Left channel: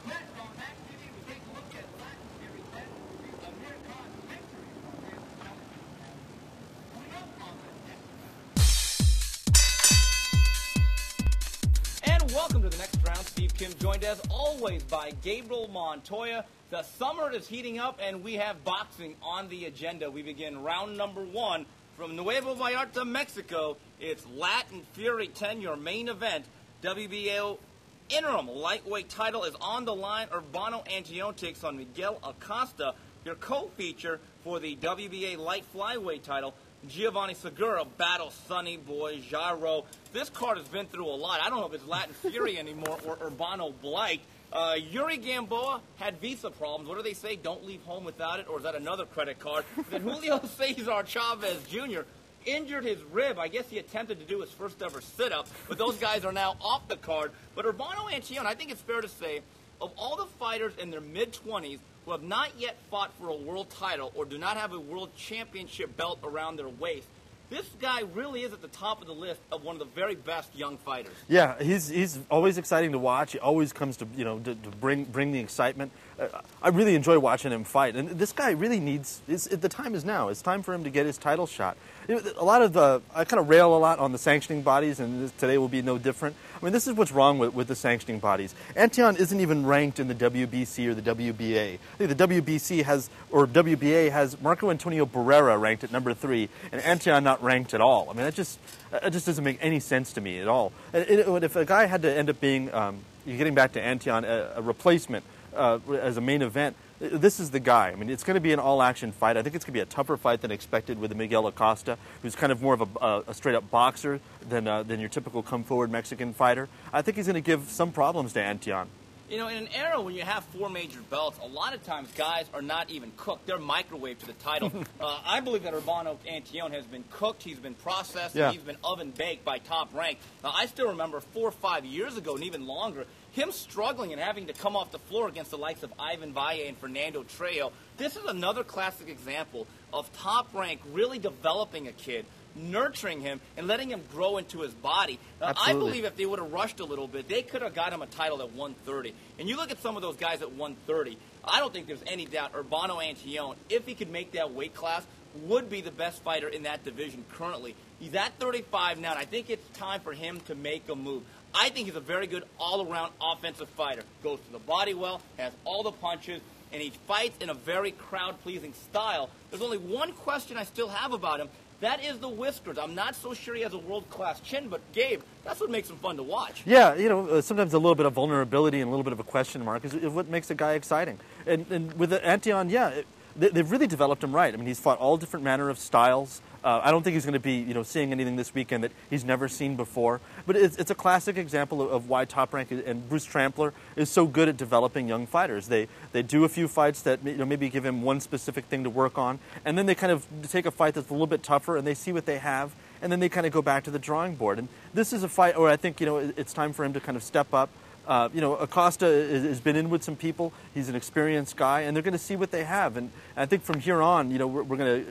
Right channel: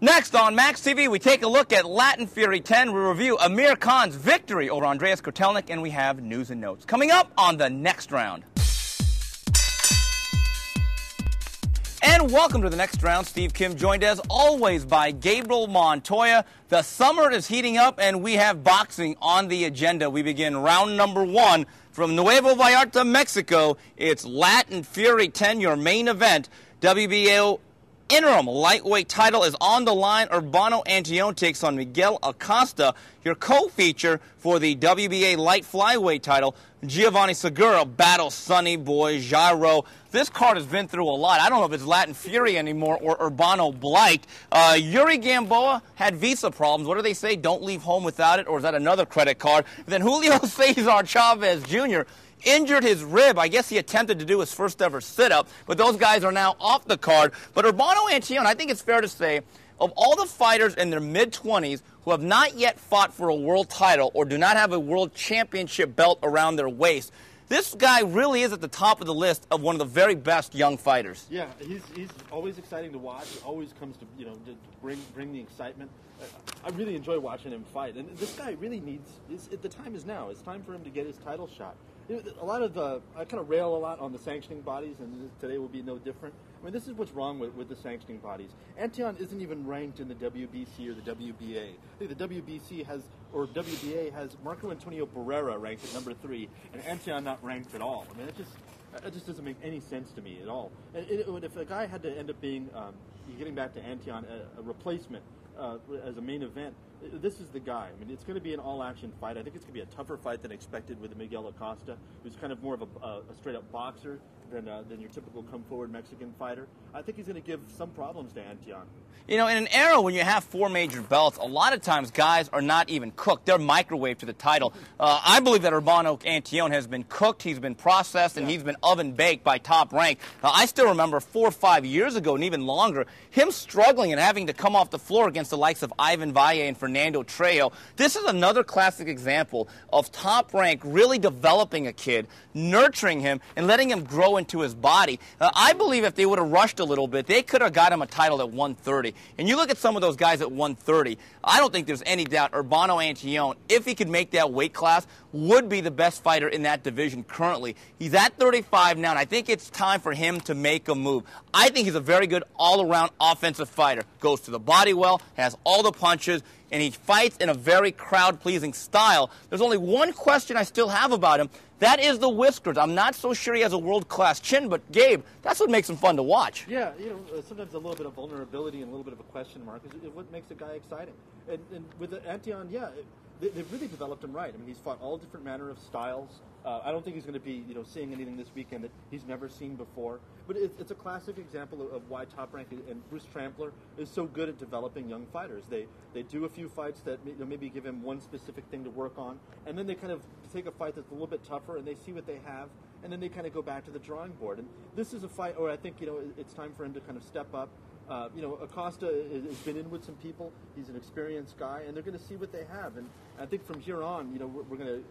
Next on Max TV, we take a look at Latin Fury 10. We review Amir Khan's victory over Andreas Kotelnik, and we have news and notes coming up on the next round. And welcome to the next round. Steve Kim joined as always by Gabriel Montoya. The summer is heating up, and we have boxing on the agenda. We begin round number 1 from Nuevo Vallarta, Mexico. It's Latin Fury 10, your main event. WBO interim lightweight title is on the line. Urbano Antillon takes on Miguel Acosta. Your co-feature for the WBA light flyweight title, Giovanni Segura battles Sonny Boy Jarreau. This card has been through a lot. I don't know if it's Latin Fury anymore or Urbano Blight. Yuri Gamboa had visa problems. What do they say? Don't leave home without it, or is that another credit card? Then Julio Cesar Chavez Jr. injured his rib. I guess he attempted to do his first ever sit-up, but those guys are now off the card. But Urbano Antillon, I think it's fair to say, of all the fighters in their mid-20s who have not yet fought for a world title or do not have a world championship belt around their waist, this guy really is at the top of the list of one of the very best young fighters. Yeah, he's always exciting to watch. He always comes to to bring the excitement. I really enjoy watching him fight, and this guy really needs. The time is now. It's time for him to get his title shot. A lot of I kind of rail a lot on the sanctioning bodies, and today will be no different. I mean, this is what's wrong with the sanctioning bodies. Antillon isn't even ranked in the WBC or the WBA. I think the WBC WBA has Marco Antonio Barrera ranked at number 3, and Antillon not ranked at all. I mean, that just doesn't make any sense to me at all. And if a guy had to end up being, getting back to Antillon, a replacement as a main event, this is the guy. I mean, it's going to be an all-action fight. I think it's going to be a tougher fight than expected with Miguel Acosta, who's kind of more of a straight-up boxer than your typical come-forward Mexican fighter. I think he's going to give some problems to Antillon. You know, in an era when you have 4 major belts, a lot of times guys are not even cooked. They're microwaved to the title. I believe that Urbano Antillon has been cooked, he's been processed, and he's been oven-baked by Top Rank. I still remember 4 or 5 years ago, and even longer, him struggling and having to come off the floor against the likes of Ivan Valle and Fernando Trejo. This is another classic example of Top Rank really developing a kid, nurturing him, and letting him grow into his body. I believe if they would have rushed a little bit, they could have got him a title at 130. And you look at some of those guys at 130, I don't think there's any doubt Urbano Antillon, if he could make that weight class, would be the best fighter in that division currently. He's at 35 now, and I think it's time for him to make a move. I think he's a very good all-around offensive fighter. Goes to the body well, has all the punches, and he fights in a very crowd-pleasing style. There's only one question I still have about him. That is the whiskers. I'm not so sure he has a world-class chin, but Gabe, that's what makes him fun to watch. Yeah, sometimes a little bit of vulnerability and a little bit of a question mark is what makes a guy exciting. And with Antillon, they've really developed him right. I mean, he's fought all different manner of styles. I don't think he's going to be, seeing anything this weekend that he's never seen before. But it's a classic example of why Top Rank and Bruce Trampler is so good at developing young fighters. They do a few fights that maybe give him one specific thing to work on, and then they kind of take a fight that's a little bit tougher, and they see what they have, and then they kind of go back to the drawing board. And this is a fight where I think it's time for him to kind of step up. Acosta has been in with some people. He's an experienced guy, and they're going to see what they have. And I think from here on, we're going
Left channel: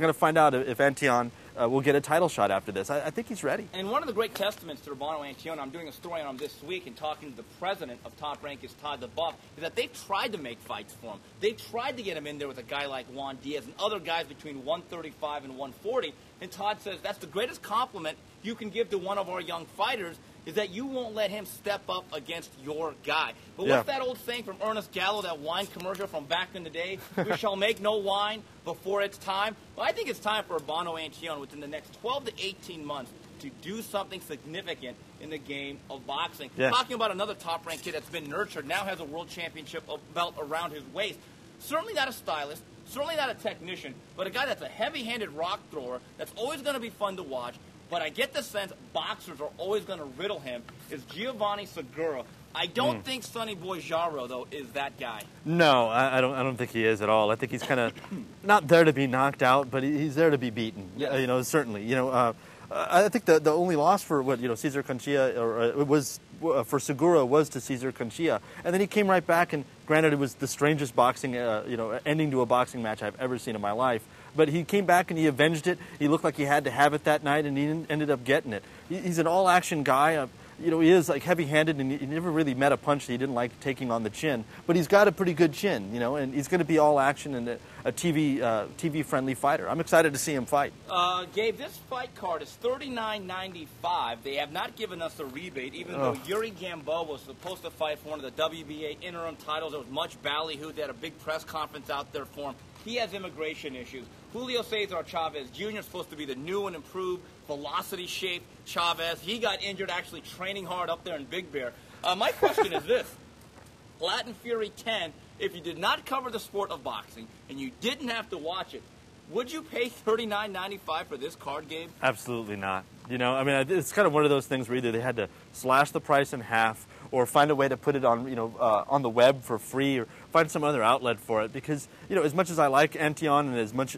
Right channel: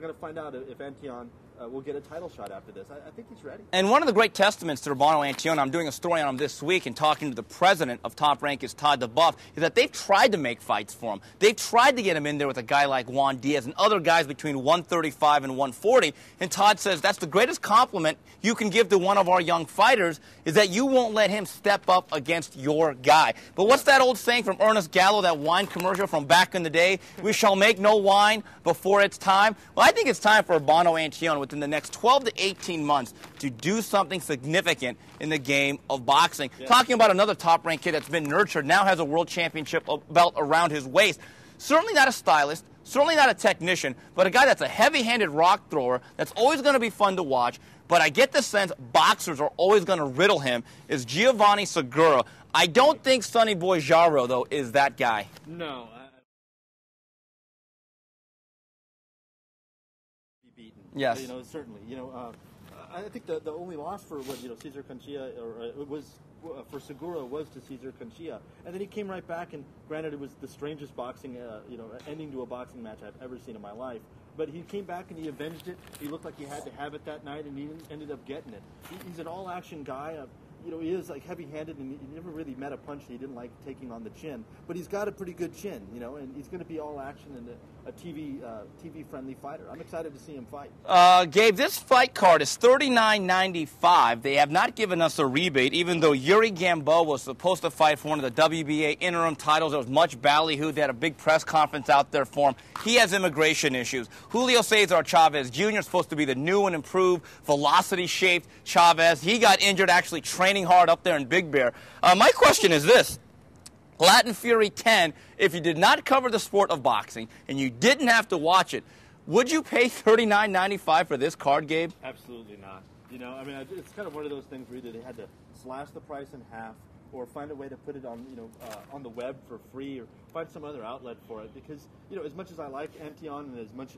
to find out if Antillon will get a title shot after this. I think he's ready. And one of the great testaments to Urbano Antillon, I'm doing a story on him this week and talking to the president of Top Rank, is Todd DeBuff, is that they've tried to make fights for him. They've tried to get him in there with a guy like Juan Diaz and other guys between 135 and 140. And Todd says that's the greatest compliment you can give to one of our young fighters, is that you won't let him step up against your guy. But what's that old saying from Ernest Gallo, that wine commercial from back in the day? We shall make no wine before it's time. Well, I think it's time for Urbano Antillon within the next 12 to 18 months to do something significant in the game of boxing. Talking about another top-ranked kid that's been nurtured, now has a world championship belt around his waist. Certainly not a stylist, certainly not a technician, but a guy that's a heavy-handed rock thrower that's always going to be fun to watch. But I get the sense boxers are always going to riddle him, is Giovanni Segura. I don't think Sonny Boy Jarreau, though, is that guy. No, I don't think he is at all. I think he's kind of not there to be knocked out, but he's there to be beaten. Yes. Certainly. I think the only loss for Cesar Conchilla was for Segura was to Cesar Conchilla, and then he came right back. And granted, it was the strangest boxing ending to a boxing match I've ever seen in my life. But he came back and he avenged it. He looked like he had to have it that night, and he ended up getting it. He's an all-action guy. he is like heavy-handed, and he never really met a punch that he didn't like taking on the chin. But he's got a pretty good chin, and he's going to be all action and a TV-friendly fighter. I'm excited to see him fight. Gabe, this fight card is $39.95. They have not given us a rebate, even though Yuri Gamboa was supposed to fight for one of the WBA interim titles. There was much ballyhoo. They had a big press conference out there for him. He has immigration issues. Julio Cesar Chavez Jr. is supposed to be the new and improved, velocity-shaped Chavez. He got injured actually training hard up there in Big Bear. My question is this. Latin Fury 10, if you did not cover the sport of boxing and you didn't have to watch it, would you pay $39.95 for this card, Gabe? Absolutely not. I mean, it's kind of one of those things where either they had to slash the price in half or find a way to put it on, on the web for free, or find some other outlet for it. Because, as much as I like Antion and as much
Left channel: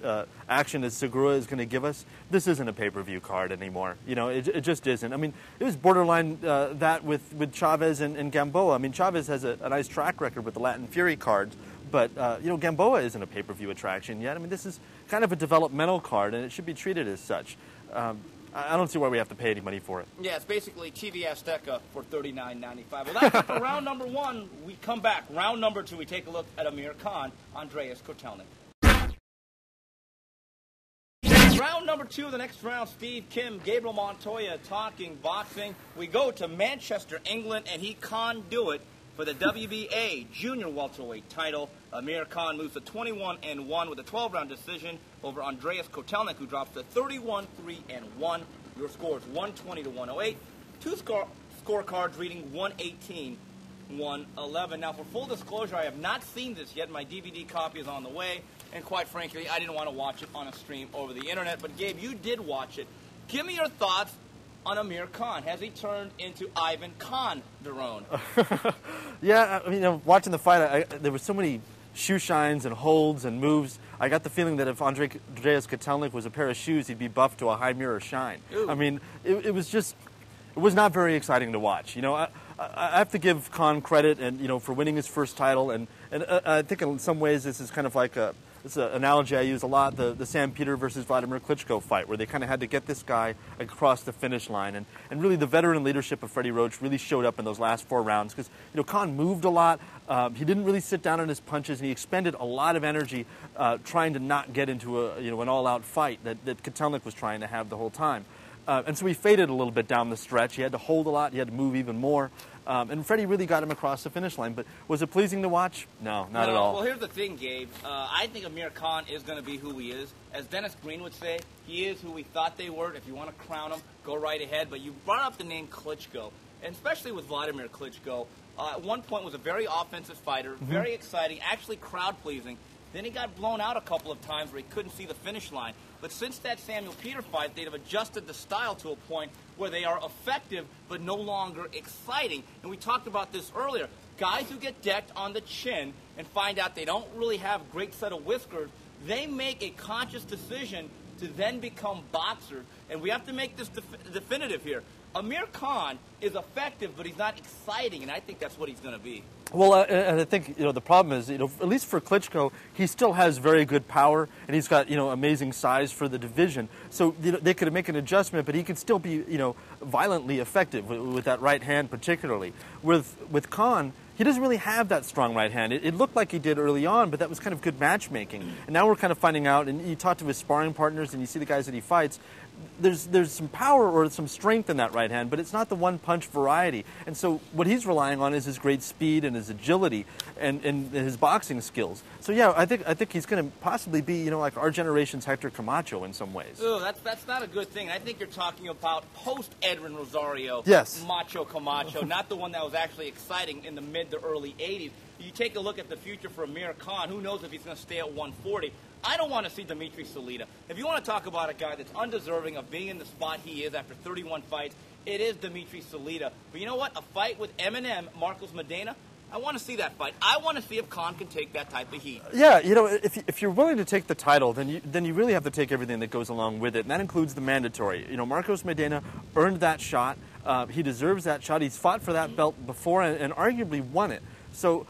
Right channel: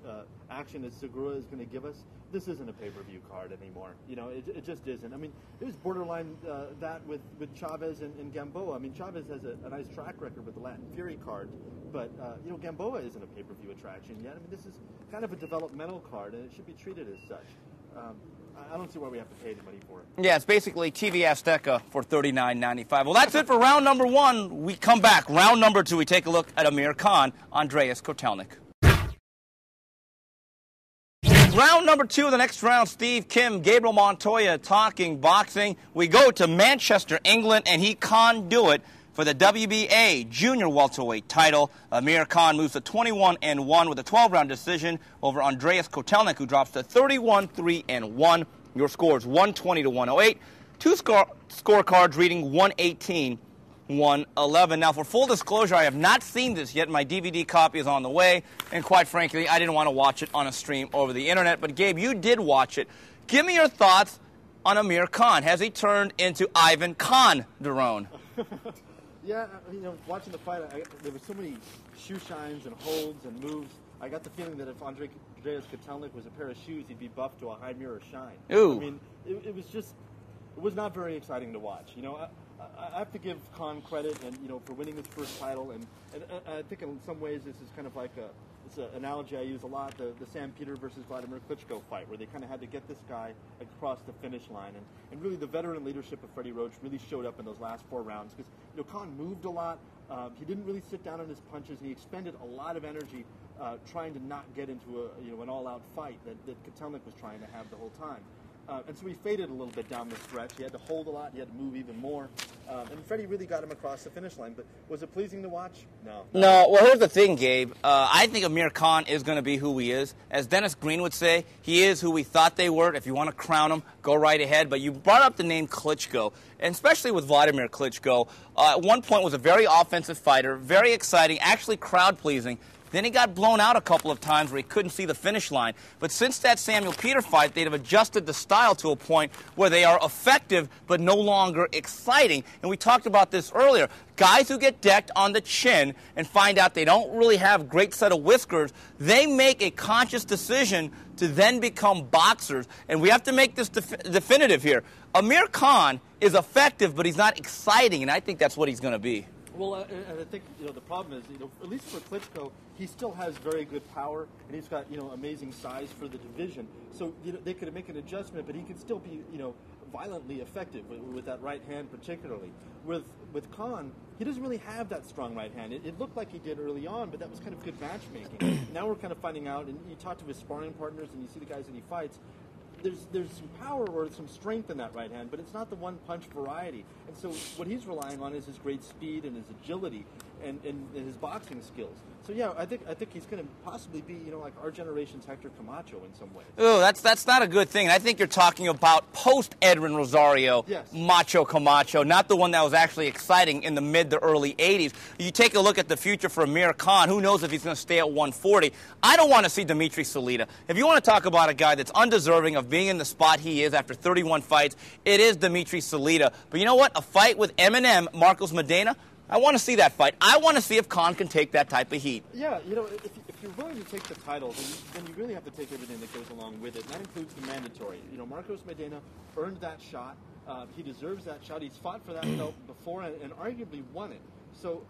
action as Segura is going to give us, this isn't a pay-per-view card anymore. It just isn't. I mean, it was borderline that with Chavez and Gamboa. I mean, Chavez has a nice track record with the Latin Fury cards, but, Gamboa isn't a pay-per-view attraction yet. I mean, this is kind of a developmental card, and it should be treated as such. I don't see why we have to pay any money for it. Yeah, it's basically TV Azteca for $39.95. Well, that's it for round number one. We come back. Round number two, we take a look at Amir Khan, Andreas Kotelnik. Round number two of the next round, Steve Kim, Gabriel Montoya talking boxing. We go to Manchester, England, and he can't do it for the WBA junior welterweight title. Amir Khan moves to 21-1 with a 12-round decision over Andreas Kotelnik, who drops to 31-3-1. Your score is 120-108. Two scorecards reading 118-111. Now, for full disclosure, I have not seen this yet. My DVD copy is on the way, and quite frankly, I didn't want to watch it on a stream over the internet. But Gabe, you did watch it. Give me your thoughts on Amir Khan. Has he turned into Ivan Calderon? Yeah, I mean, watching the fight, there were so many shoe shines and holds and moves. I got the feeling that if Andreas Kotelnik was a pair of shoes, he'd be buffed to a high mirror shine. Ooh. I mean, it was not very exciting to watch. I have to give Khan credit, and for winning his first title, and I think in some ways this is kind of like it's an analogy I use a lot, the Sam Peter versus Vladimir Klitschko fight, where they kind of had to get this guy across the finish line. And really the veteran leadership of Freddie Roach really showed up in those last 4 rounds, because Khan moved a lot. He didn't really sit down on his punches, and he expended a lot of energy trying to not get into an all-out fight that Kotelnik was trying to have the whole time. And so he faded a little bit down the stretch. He had to hold a lot. He had to move even more. And Freddie really got him across the finish line. But was it pleasing to watch? No. Not at all. Well, here's the thing, Gabe. I think Amir Khan is going to be who he is. As Dennis Green would say, he is who we thought they were. If you want to crown him, go right ahead. But you brought up the name Klitschko, and especially with Vladimir Klitschko. At one point was a very offensive fighter, very exciting, actually crowd-pleasing. Then he got blown out a couple of times where he couldn't see the finish line. But since that Samuel Peter fight, they've adjusted the style to a point where they are effective but no longer exciting. And we talked about this earlier. Guys who get decked on the chin and find out they don't really have a great set of whiskers, they make a conscious decision to then become boxers. And we have to make this definitive here. Amir Khan is effective, but he's not exciting, and I think that's what he's going to be. Well, and I think, the problem is, at least for Klitschko, he still has very good power, and he's got, amazing size for the division. So, they could make an adjustment, but he could still be, violently effective with that right hand particularly. With Khan, he doesn't really have that strong right hand. It looked like he did early on, but that was kind of good matchmaking. And now we're kind of finding out, and you talk to his sparring partners, and you see the guys that he fights, there's some power or some strength in that right hand, but it's not the one-punch variety. And so what he's relying on is his great speed and his agility and his boxing skills. So yeah, I think he's going to possibly be, like our generation's Hector Camacho in some ways. Oh, that's not a good thing. I think you're talking about post-Edwin Rosario, yes. Macho Camacho, not the one that was actually exciting in the mid to early 80s. You take a look at the future for Amir Khan, who knows if he's going to stay at 140. I don't want to see Dimitri Salita. If you want to talk about a guy that's undeserving of being in the spot he is after 31 fights, it is Dimitri Salita. But you know what? A fight with Eminem, Marcos Medina, I want to see that fight. I want to see if Khan can take that type of heat. Yeah, if you're willing to take the title, then you really have to take everything that goes along with it, and that includes the mandatory. Marcos Medina earned that shot. He deserves that shot. He's fought for that belt before and arguably won it. So,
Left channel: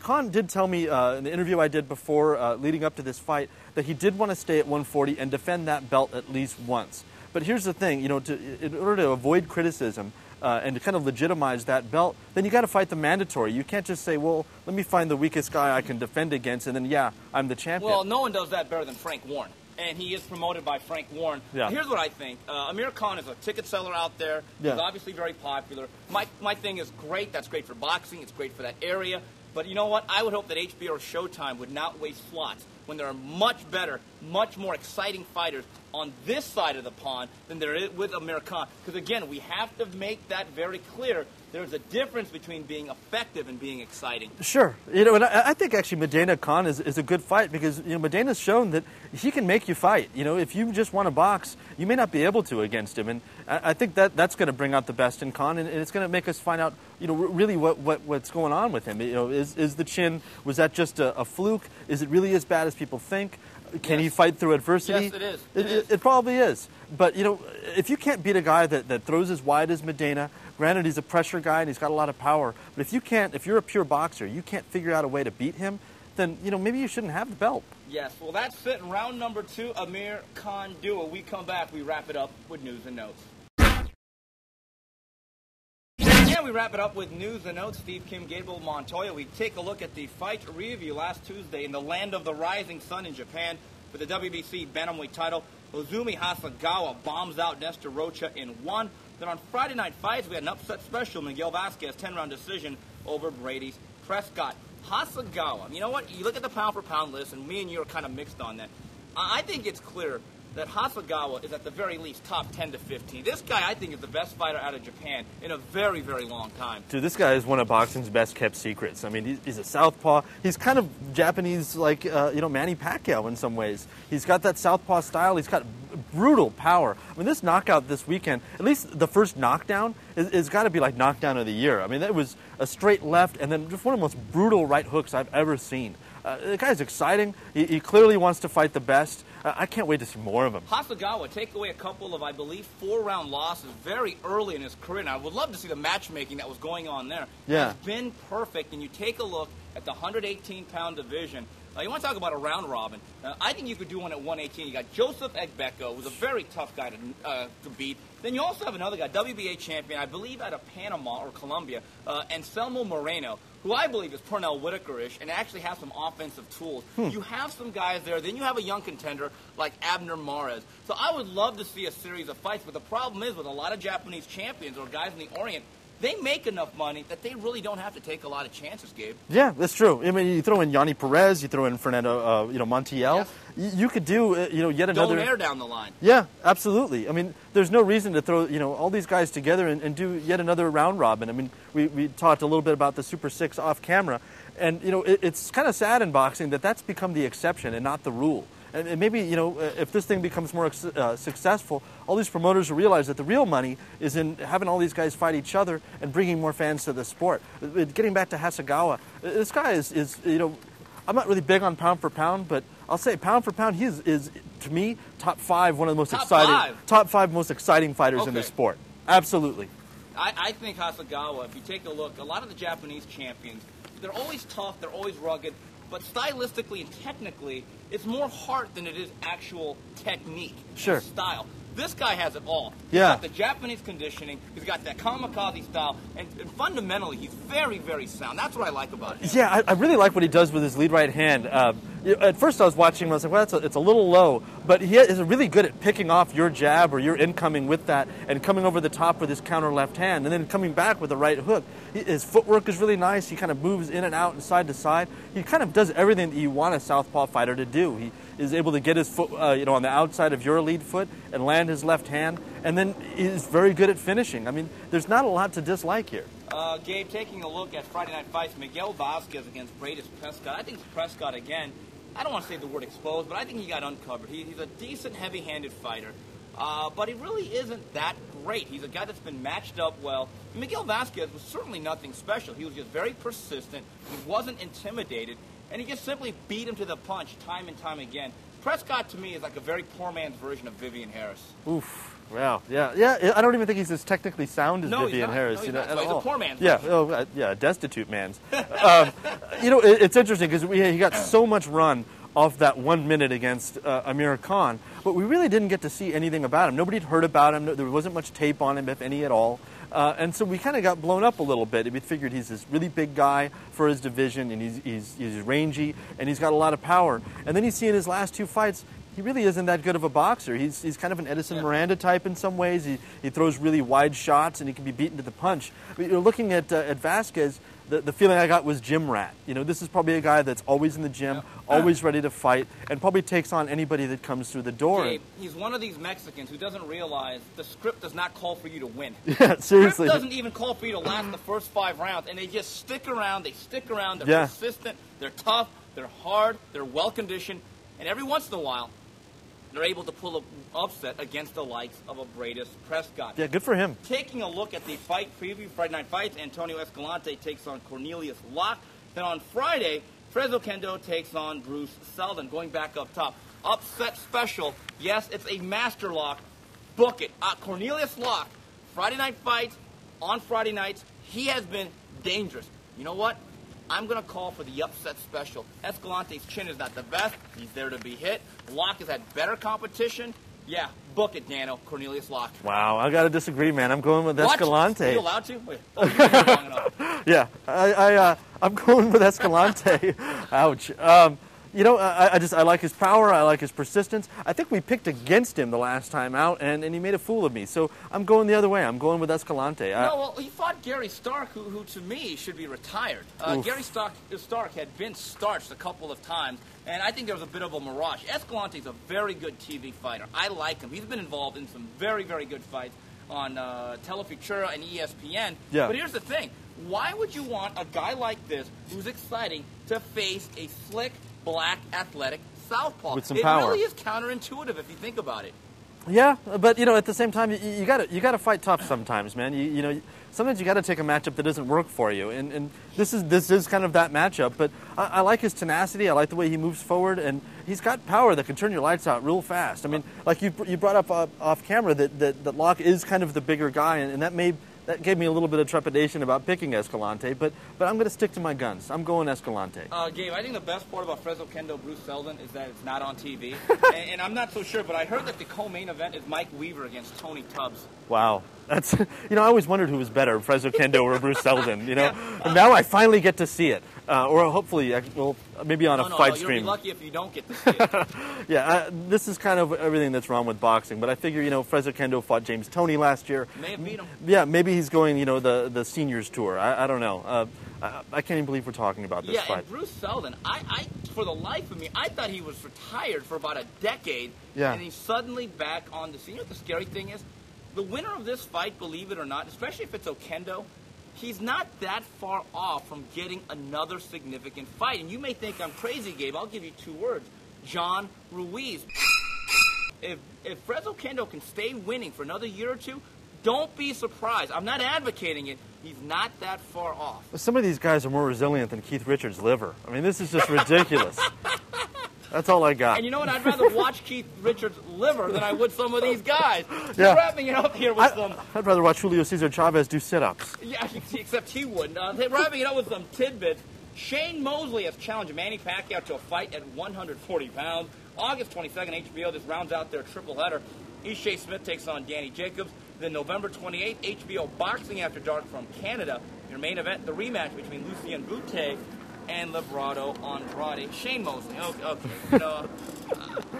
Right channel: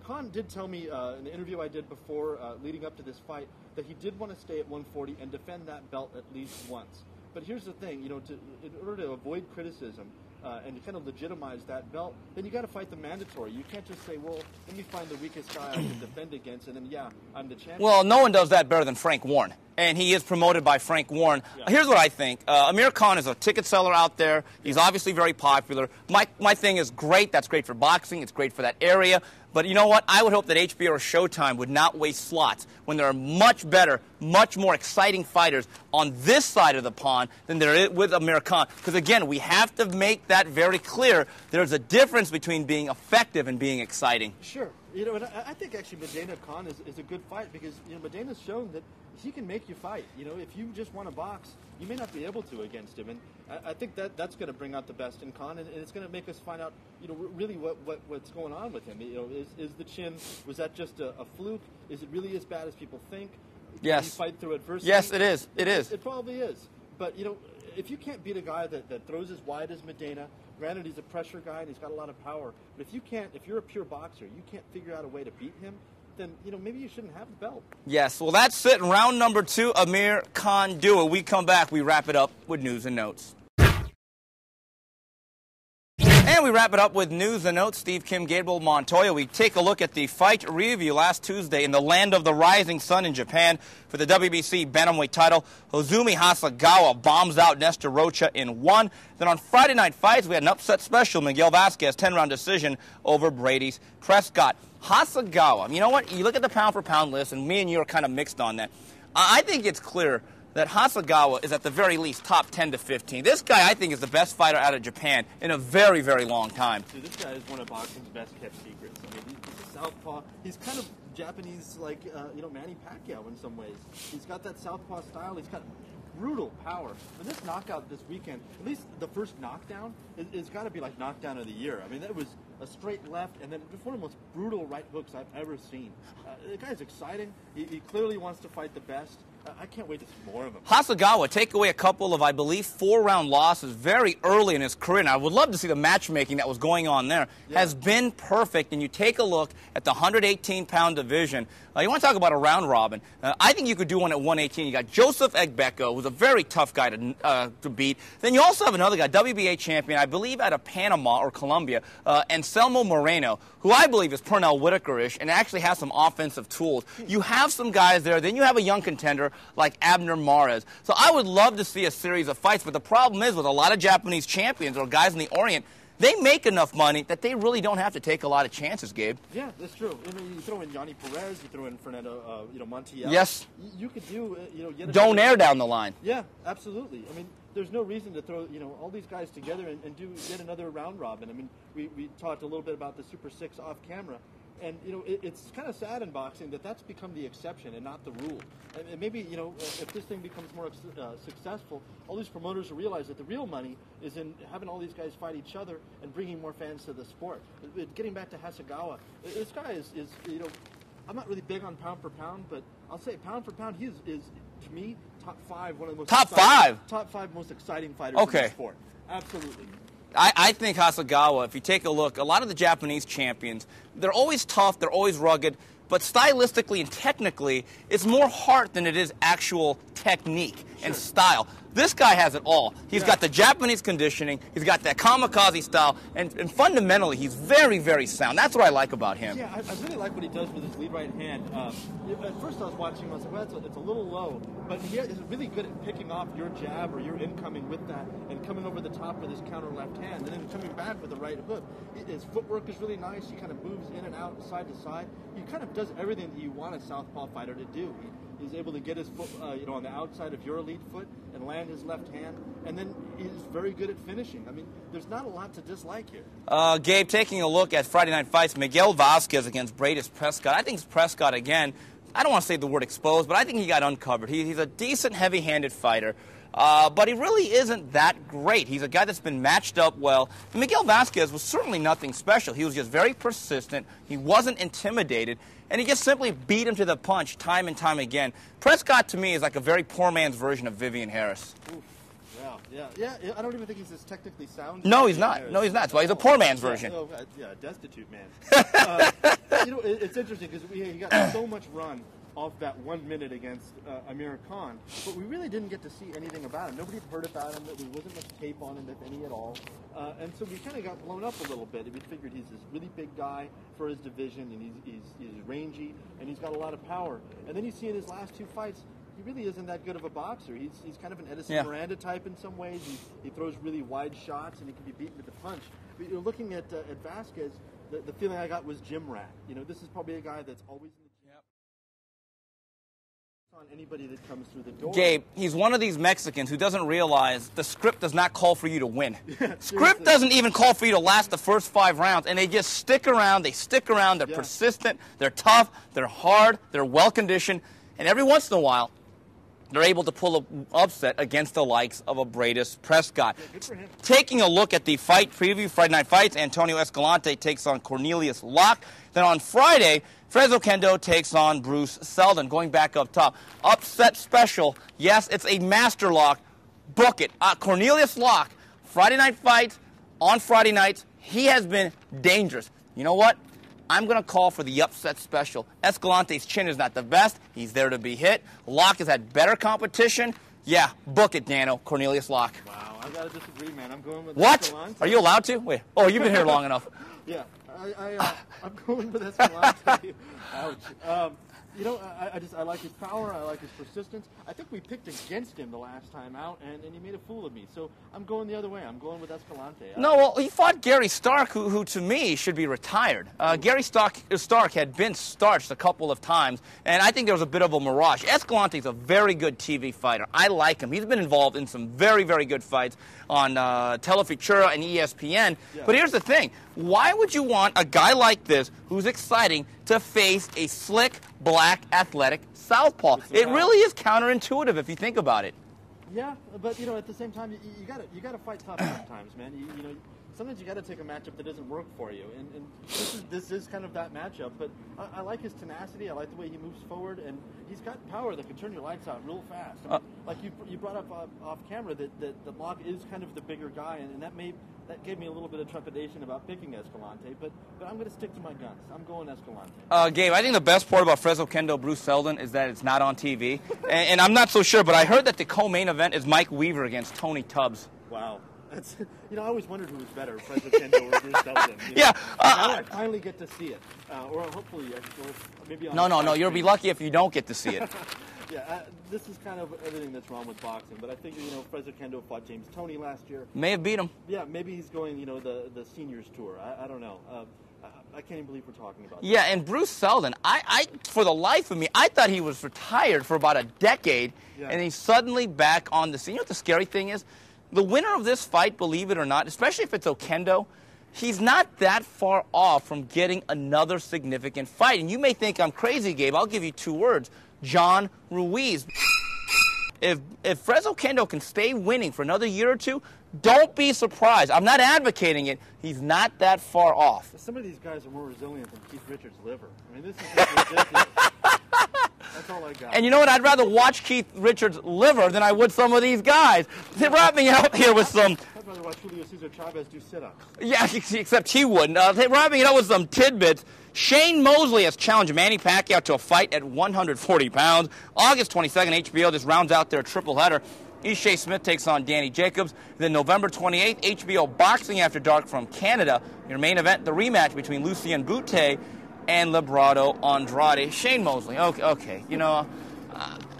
Khan did tell me in the interview I did before, leading up to this fight, that he did want to stay at 140 and defend that belt at least once. But here's the thing, in order to avoid criticism, and to kind of legitimize that belt, then you got to fight the mandatory. You can't just say, well, let me find the weakest guy I can defend against, and then, yeah, I'm the champion. Well, no one does that better than Frank Warren. And he is promoted by Frank Warren. Yeah. Here's what I think. Amir Khan is a ticket seller out there. He's obviously very popular. My thing is great. That's great for boxing. It's great for that area. But you know what? I would hope that HBO or Showtime would not waste slots when there are much better, much more exciting fighters on this side of the pond than there is with Amir Khan. Because, again, we have to make that very clear. There's a difference between being effective and being exciting. Sure. You know, and I think actually Medina Khan is a good fight because, you know, Medina's shown that he can make you fight. You know, if you just want to box, you may not be able to against him. And I think that's going to bring out the best in Khan, and it's going to make us find out, you know, really what's going on with him. You know, is the chin, was that just a fluke? Is it really as bad as people think? Can he fight through adversity? Yes, it is. It is. It probably is. But, you know, if you can't beat a guy that throws as wide as Medina, granted he's a pressure guy and he's got a lot of power, but if you're a pure boxer, you can't figure out a way to beat him, then, you know, maybe you shouldn't have the belt. Yes, well, that's it. Round number 2, Amir Khan duel. We come back, we wrap it up with news and notes. And we wrap it up with news and notes. Steve, Kim, Gabe Montoya. We take a look at the fight review last Tuesday in the land of the rising sun in Japan for the WBC bantamweight title. Hozumi Hasagawa bombs out Nestor Rocha in 1. Then on Friday Night Fights, we had an upset special. Miguel Vasquez, 10-round decision over Brady's Prescott. Hasagawa, you know what? You look at the pound-for-pound list, and me and you are kind of mixed on that. I think it's clear that Hasagawa is at the very least top 10 to 15. This guy, I think, is the best fighter out of Japan in a very, very long time. Dude, this guy is one of boxing's best-kept secrets. I mean, he's a southpaw. He's kind of Japanese, like, you know, Manny Pacquiao in some ways. He's got that southpaw style. He's got brutal power. I mean, this knockout this weekend, at least the first knockdown, is got to be like knockdown of the year. I mean, that was a straight left and then just one of the most brutal right hooks I've ever seen. The guy's exciting. He clearly wants to fight the best. I can't wait to see more of him. Hasagawa take away a couple of, I believe, 4-round losses very early in his career. And I would love to see the matchmaking that was going on there. Has been perfect. And you take a look at the 118-pound division. You want to talk about a round robin. I think you could do one at 118. You got Joseph Egbeko, who's a very tough guy to beat. Then you also have another guy, WBA champion, I believe out of Panama or Colombia, Anselmo Moreno, who I believe is Pernell Whitaker-ish and actually has some offensive tools. You have some guys there. Then you have a young contender like Abner Mares. So I would love to see a series of fights, but the problem is with a lot of Japanese champions or guys in the Orient, they make enough money that they really don't have to take a lot of chances, Gabe. Yeah, that's true. I mean, you throw in Yanni Perez, you throw in Fernando, you know, Montiel. Yes. You could do, you know, yet another. Donaire down the line. Yeah, absolutely. I mean, there's no reason to throw, you know, all these guys together and do yet another round robin. I mean, we talked a little bit about the Super 6 off camera, and, you know, it's kind of sad in boxing that that's become the exception and not the rule. And maybe, you know, if this thing becomes more successful, all these promoters will realize that the real money is in having all these guys fight each other and bringing more fans to the sport. Getting back to Hasagawa, this guy is you know, I'm not really big on pound for pound, but I'll say pound for pound, he is to me, top 5, one of the most top 5 most exciting fighters in the sport. Absolutely. I think Hasagawa, if you take a look, a lot of the Japanese champions, they're always tough, they're always rugged, but stylistically and technically, it's more heart than it is actual technique and style. This guy has it all. He's got the Japanese conditioning, he's got that kamikaze style, and fundamentally, he's very, very sound. That's what I like about him. Yeah, I really like what he does with his lead right hand. At first I was watching him, I was like, well, it's a little low, but he is really good at picking off your jab or your incoming with that and coming over the top with his counter left hand and then coming back with a right hook. His footwork is really nice. He kind of moves in and out and side to side. He kind of does everything that you want a southpaw fighter to do. He is able to get his foot, you know, on the outside of your lead foot and land his left hand, and then he's very good at finishing. I mean, there's not a lot to dislike here. Gabe, taking a look at Friday Night Fights, Miguel Vasquez against Brady's Prescott. I think Prescott, again, I don't want to say the word exposed, but I think he got uncovered. He's a decent, heavy-handed fighter, but he really isn't that great. He's a guy that's been matched up well. Miguel Vasquez was certainly nothing special. He was just very persistent. He wasn't intimidated. And he just simply beat him to the punch time and time again. Prescott, to me, is like a very poor man's version of Vivian Harris. Oof. Wow. Yeah. I don't even think he's as technically sound as Vivian Harris. No, he's not. That's why he's a poor man's version. Yeah, destitute man's. You know, it's interesting because he got so much run off that 1 minute against Amir Khan, but we really didn't get to see anything about him. Nobody had heard about him. There wasn't much tape on him, if any at all. And so we kind of got blown up a little bit. We figured he's this really big guy for his division, and he's rangy, and he's got a lot of power. And then you see in his last 2 fights, he really isn't that good of a boxer. He's kind of an Edison Miranda type in some ways. He throws really wide shots, and he can be beaten to the punch. But you're looking at Vasquez. The feeling I got was gym rat. This is probably a guy that's always in the gym, always ready to fight, and probably takes on anybody that comes through the door. Gabe, he's one of these Mexicans who doesn't realize the script does not call for you to win. Yeah, seriously. Script doesn't even call for you to last the first 5 rounds, and they just stick around. They stick around. They're persistent. They're tough. They're hard. They're well-conditioned. And every once in a while, they're able to pull an upset against the likes of a Bradis Prescott. Yeah, good for him. Taking a look at the fight preview, Friday Night Fights, Antonio Escalante takes on Cornelius Locke. Then on Friday, Fresno Kendo takes on Bruce Seldon. Going back up top, upset special. Yes, it's a master lock. Book it. Cornelius Locke, Friday Night Fights, on Friday nights. He has been dangerous. You know what? I'm going to call for the upset special. Escalante's chin is not the best. He's there to be hit. Locke has had better competition. Yeah, book it, Dano. Cornelius Locke. Wow, I got to disagree, man. I'm going with Escalante. Are you allowed to? Wait. Oh, you've been here long enough. Yeah, I'm going with Escalante. Ouch. I like his power. I like his persistence. I think we picked against him the last time out, and he made a fool of me. So I'm going the other way. I'm going with Escalante. No, well, he fought Gary Stark, who to me should be retired. Gary Stark had been starched a couple of times, and I think there was a bit of a mirage. Escalante's a very good TV fighter. I like him. He's been involved in some very, very good fights on Telefutura and ESPN. Yeah. But here's the thing. Why would you want a guy like this, who's exciting, to face a slick, black, athletic southpaw? It really is counterintuitive if you think about it. Yeah, but at the same time, you gotta fight tough sometimes, man. Sometimes you gotta take a matchup that doesn't work for you, and this is kind of that matchup. But I like his tenacity. I like the way he moves forward, and he's got power that can turn your lights out real fast. I mean, like you brought up off camera that Locke is kind of the bigger guy, and that gave me a little bit of trepidation about picking Escalante, but I'm going to stick to my guns. I'm going Escalante. Gabe, I think the best part about Fresno Kendo Bruce Seldon is that it's not on TV. and I'm not so sure, but I heard that the co-main event is Mike Weaver against Tony Tubbs. Wow. That's, I always wondered who was better, Fresno Kendo or Bruce Seldon. Yeah. And now I finally get to see it. Or hopefully, maybe on a fight No, stream. you'll be lucky if you don't get to see it. Yeah, this is kind of everything that's wrong with boxing. But I figure, Fresno Kendo fought James Toney last year. May have beat him. Yeah, maybe he's going, the seniors tour. I don't know. I can't even believe we're talking about this. Yeah, fight. and Bruce Seldon, I for the life of me, I thought he was retired for about a decade, and he's suddenly back on the scene. You know what the scary thing is? The winner of this fight, believe it or not, especially if it's Okendo, he's not that far off from getting another significant fight. And you may think I'm crazy, Gabe. I'll give you 2 words. John Ruiz. If Fresno Kendo can stay winning for another year or 2, don't be surprised. I'm not advocating it. He's not that far off. Some of these guys are more resilient than Keith Richards' liver. I mean, this is just ridiculous. That's all I got. And you know what? I'd rather watch Keith Richards' liver than I would some of these guys. Yeah. Wrapping it up here with some... I'd rather watch Julio Cesar Chavez do sit-ups. Yeah, except he wouldn't. Wrapping it up with some tidbits. Shane Mosley has challenged Manny Pacquiao to a fight at 140 pounds. August 22nd, HBO just rounds out their triple header. Ishe Smith takes on Danny Jacobs. Then November 28th, HBO Boxing After Dark from Canada. Your main event, the rematch between Lucien Boutte and Librado Andrade. Shane Mosley. Okay.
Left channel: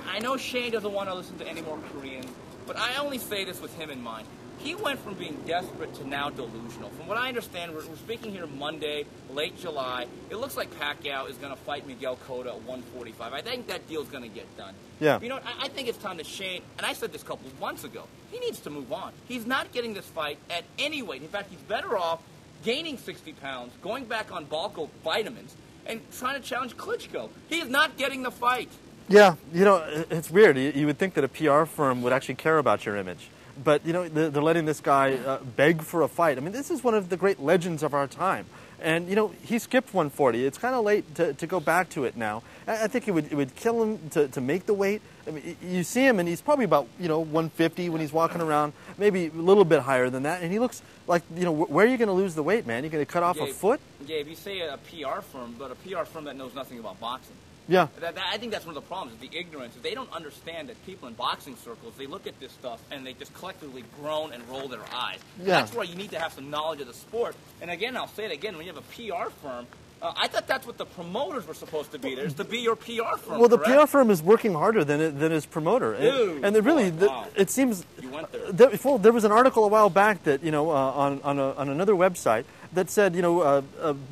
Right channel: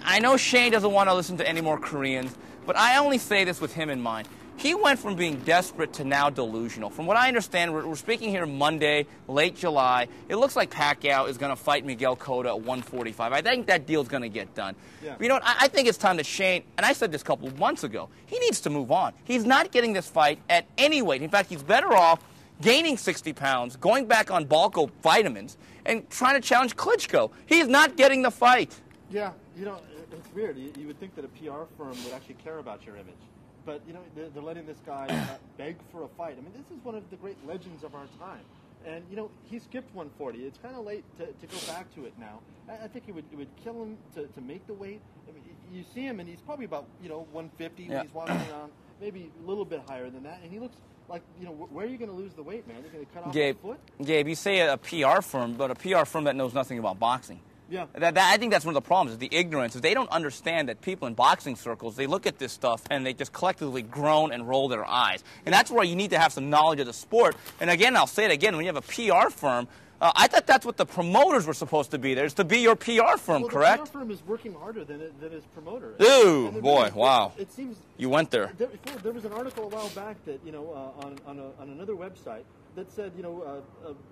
I know Shane doesn't want to listen to any more Koreans, but I only say this with him in mind. He went from being desperate to now delusional. From what I understand, we're speaking here Monday, late July. It looks like Pacquiao is going to fight Miguel Cotto at 145. I think that deal's going to get done. Yeah. You know what? I think it's time that Shane, and I said this a couple of months ago, he needs to move on. He's not getting this fight at any weight. In fact, he's better off gaining 60 pounds, going back on Balco vitamins, and trying to challenge Klitschko. He's not getting the fight. Yeah, it's weird. You would think that a PR firm would actually care about your image. But, they're letting this guy beg for a fight. I mean, this is one of the great legends of our time. And, he skipped 140. It's kind of late to go back to it now. I think it would kill him to make the weight. I mean, you see him, and he's probably about, 150 when he's walking around, maybe a little bit higher than that. And he looks like, where are you going to lose the weight, man? You're going to cut off a foot? Gabe, you say a PR firm, but a PR firm that knows nothing about boxing. Yeah. I think that's one of the problems, is the ignorance. Is they don't understand that people in boxing circles, they look at this stuff and they just collectively groan and roll their eyes. And that's where you need to have some knowledge of the sport. And again, I'll say it again, when you have a PR firm, I thought that's what the promoters were supposed to be. There's to be your PR firm, well, correct? The PR firm is working harder than his promoter. Dude, and boy, wow. It seems... You went there. There was an article a while back that, on another website that said,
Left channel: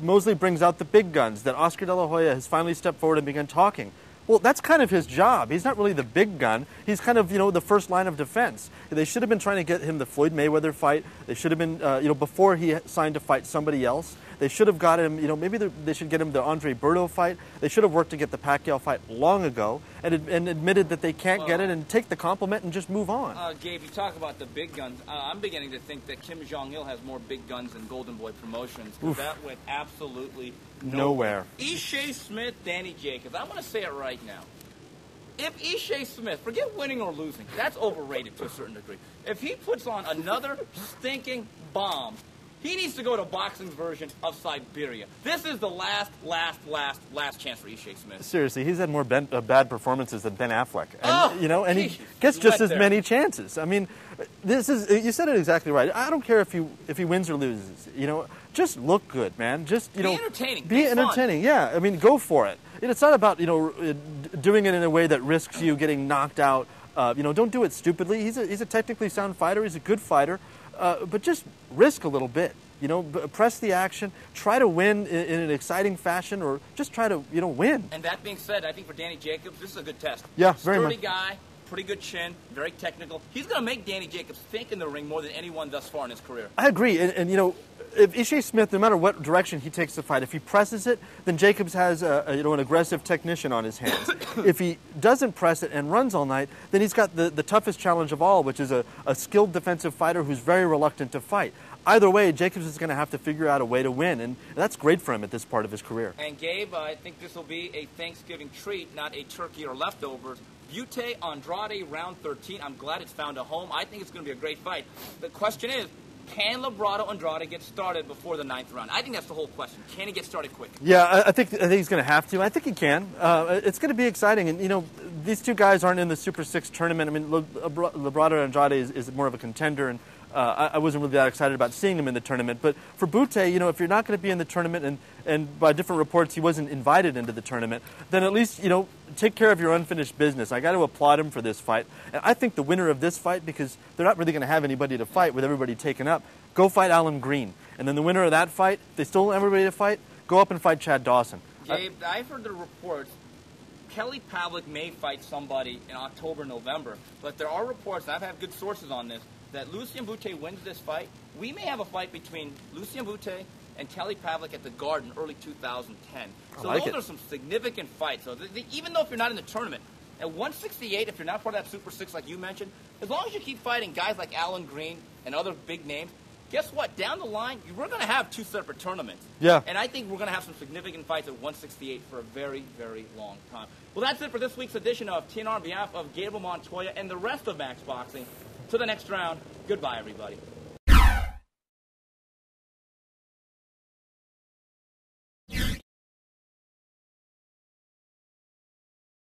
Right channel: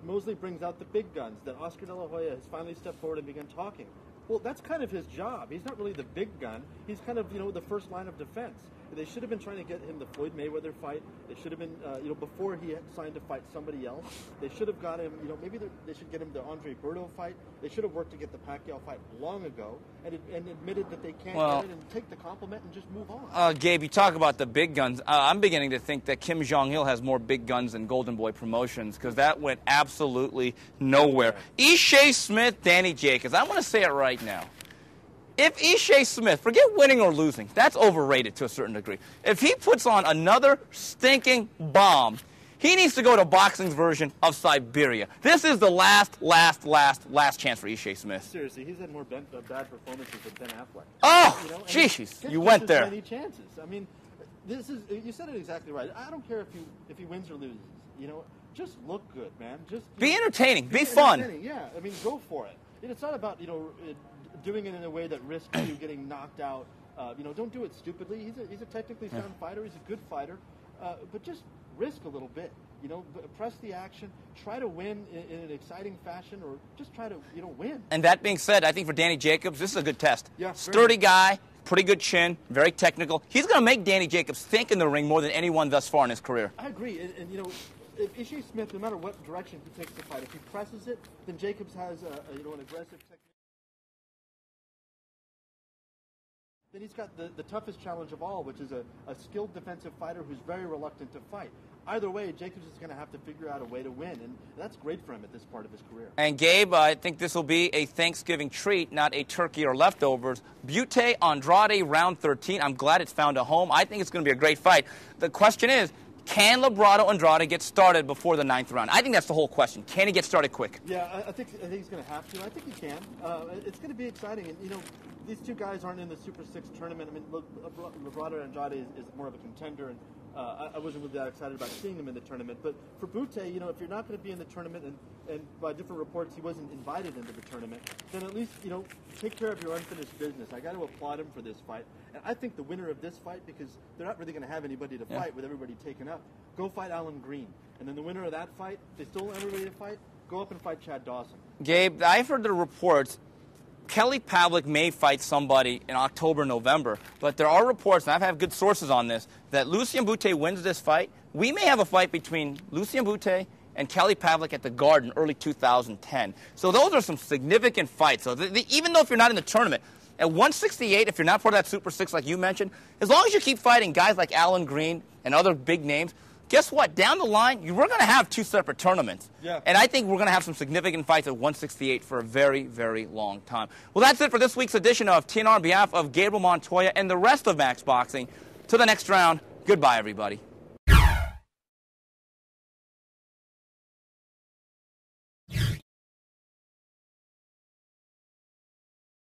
Mosley brings out the big guns, that Oscar De La Hoya has finally stepped forward and begun talking. Well, that's kind of his job. He's not really the big gun. He's kind of, the first line of defense. They should have been trying to get him the Floyd Mayweather fight. They should have been, before he signed to fight somebody else. They should have got him, maybe they should get him the Andre Berto fight. They should have worked to get the Pacquiao fight long ago and admitted that they can't get it and take the compliment and just move on. Gabe, you talk about the big guns. I'm beginning to think that Kim Jong-il has more big guns than Golden Boy Promotions, because that went absolutely nowhere. Ishe Smith, Danny Jacobs. I want to say it right now. If Ishe Smith, forget winning or losing, that's overrated to a certain degree. If he puts on another stinking bomb, he needs to go to boxing's version of Siberia. This is the last chance for Ishe Smith. Seriously, he's had more bad performances than Ben Affleck. And, he gets just as many chances. I mean, you said it exactly right. I don't care if he wins or loses. Just look good, man. Just be entertaining. Be fun. Entertaining. Yeah, I mean, go for it. It's not about doing it in a way that risks you getting knocked out. Don't do it stupidly. He's a technically sound fighter. He's a good fighter. But just risk a little bit, press the action, try to win in an exciting fashion, or just try to, win. And that being said, I think for Danny Jacobs, this is a good test. Yeah, sturdy guy, pretty good chin, very technical. He's going to make Danny Jacobs think in the ring more than anyone thus far in his career. I agree, and if Ishe Smith, no matter what direction he takes the fight, if he presses it, then Jacobs has an aggressive technician on his hands. If he doesn't press it and runs all night, then he's got the toughest challenge of all, which is a skilled defensive fighter who's very reluctant to fight. Either way, Jacobs is going to have to figure out a way to win, and that's great for him at this part of his career. And Gabe, I think this will be a Thanksgiving treat, not a turkey or leftovers. Butte Andrade, round 13. I'm glad it's found a home. I think it's going to be a great fight. The question is, can Labrado Andrade get started before the 9th round? I think that's the whole question. Can he get started quick? Yeah, I think he's going to have to. I think he can. It's going to be exciting. And, these two guys aren't in the Super 6 tournament. I mean, Labrado Andrade is more of a contender, and I wasn't really that excited about seeing him in the tournament. But for Butte, if you're not going to be in the tournament, and by different reports he wasn't invited into the tournament, then at least, take care of your unfinished business. I got to applaud him for this fight. And I think the winner of this fight, because they're not really going to have anybody to fight with everybody taken up, go fight Alan Green. And then the winner of that fight, if they still don't have everybody to fight, go up and fight Chad Dawson. Gabe, I've heard the reports Kelly Pavlik may fight somebody in October, November, but there are reports, and I've had good sources on this, that Lucien Butte wins this fight. We may have a fight between Lucien Butte and Kelly Pavlik at the Garden early 2010. So those are some significant fights. So even though if you're not in the tournament, at 168, if you're not part of that Super 6 like you mentioned, as long as you keep fighting guys like Alan Green and other big names, guess what? Down the line, we're going to have 2 separate tournaments. Yeah. And I think we're going to have some significant fights at 168 for a very, very long time. Well, that's it for this week's edition of TNR on behalf of Gabriel Montoya and the rest of Max Boxing. To the next round, goodbye, everybody.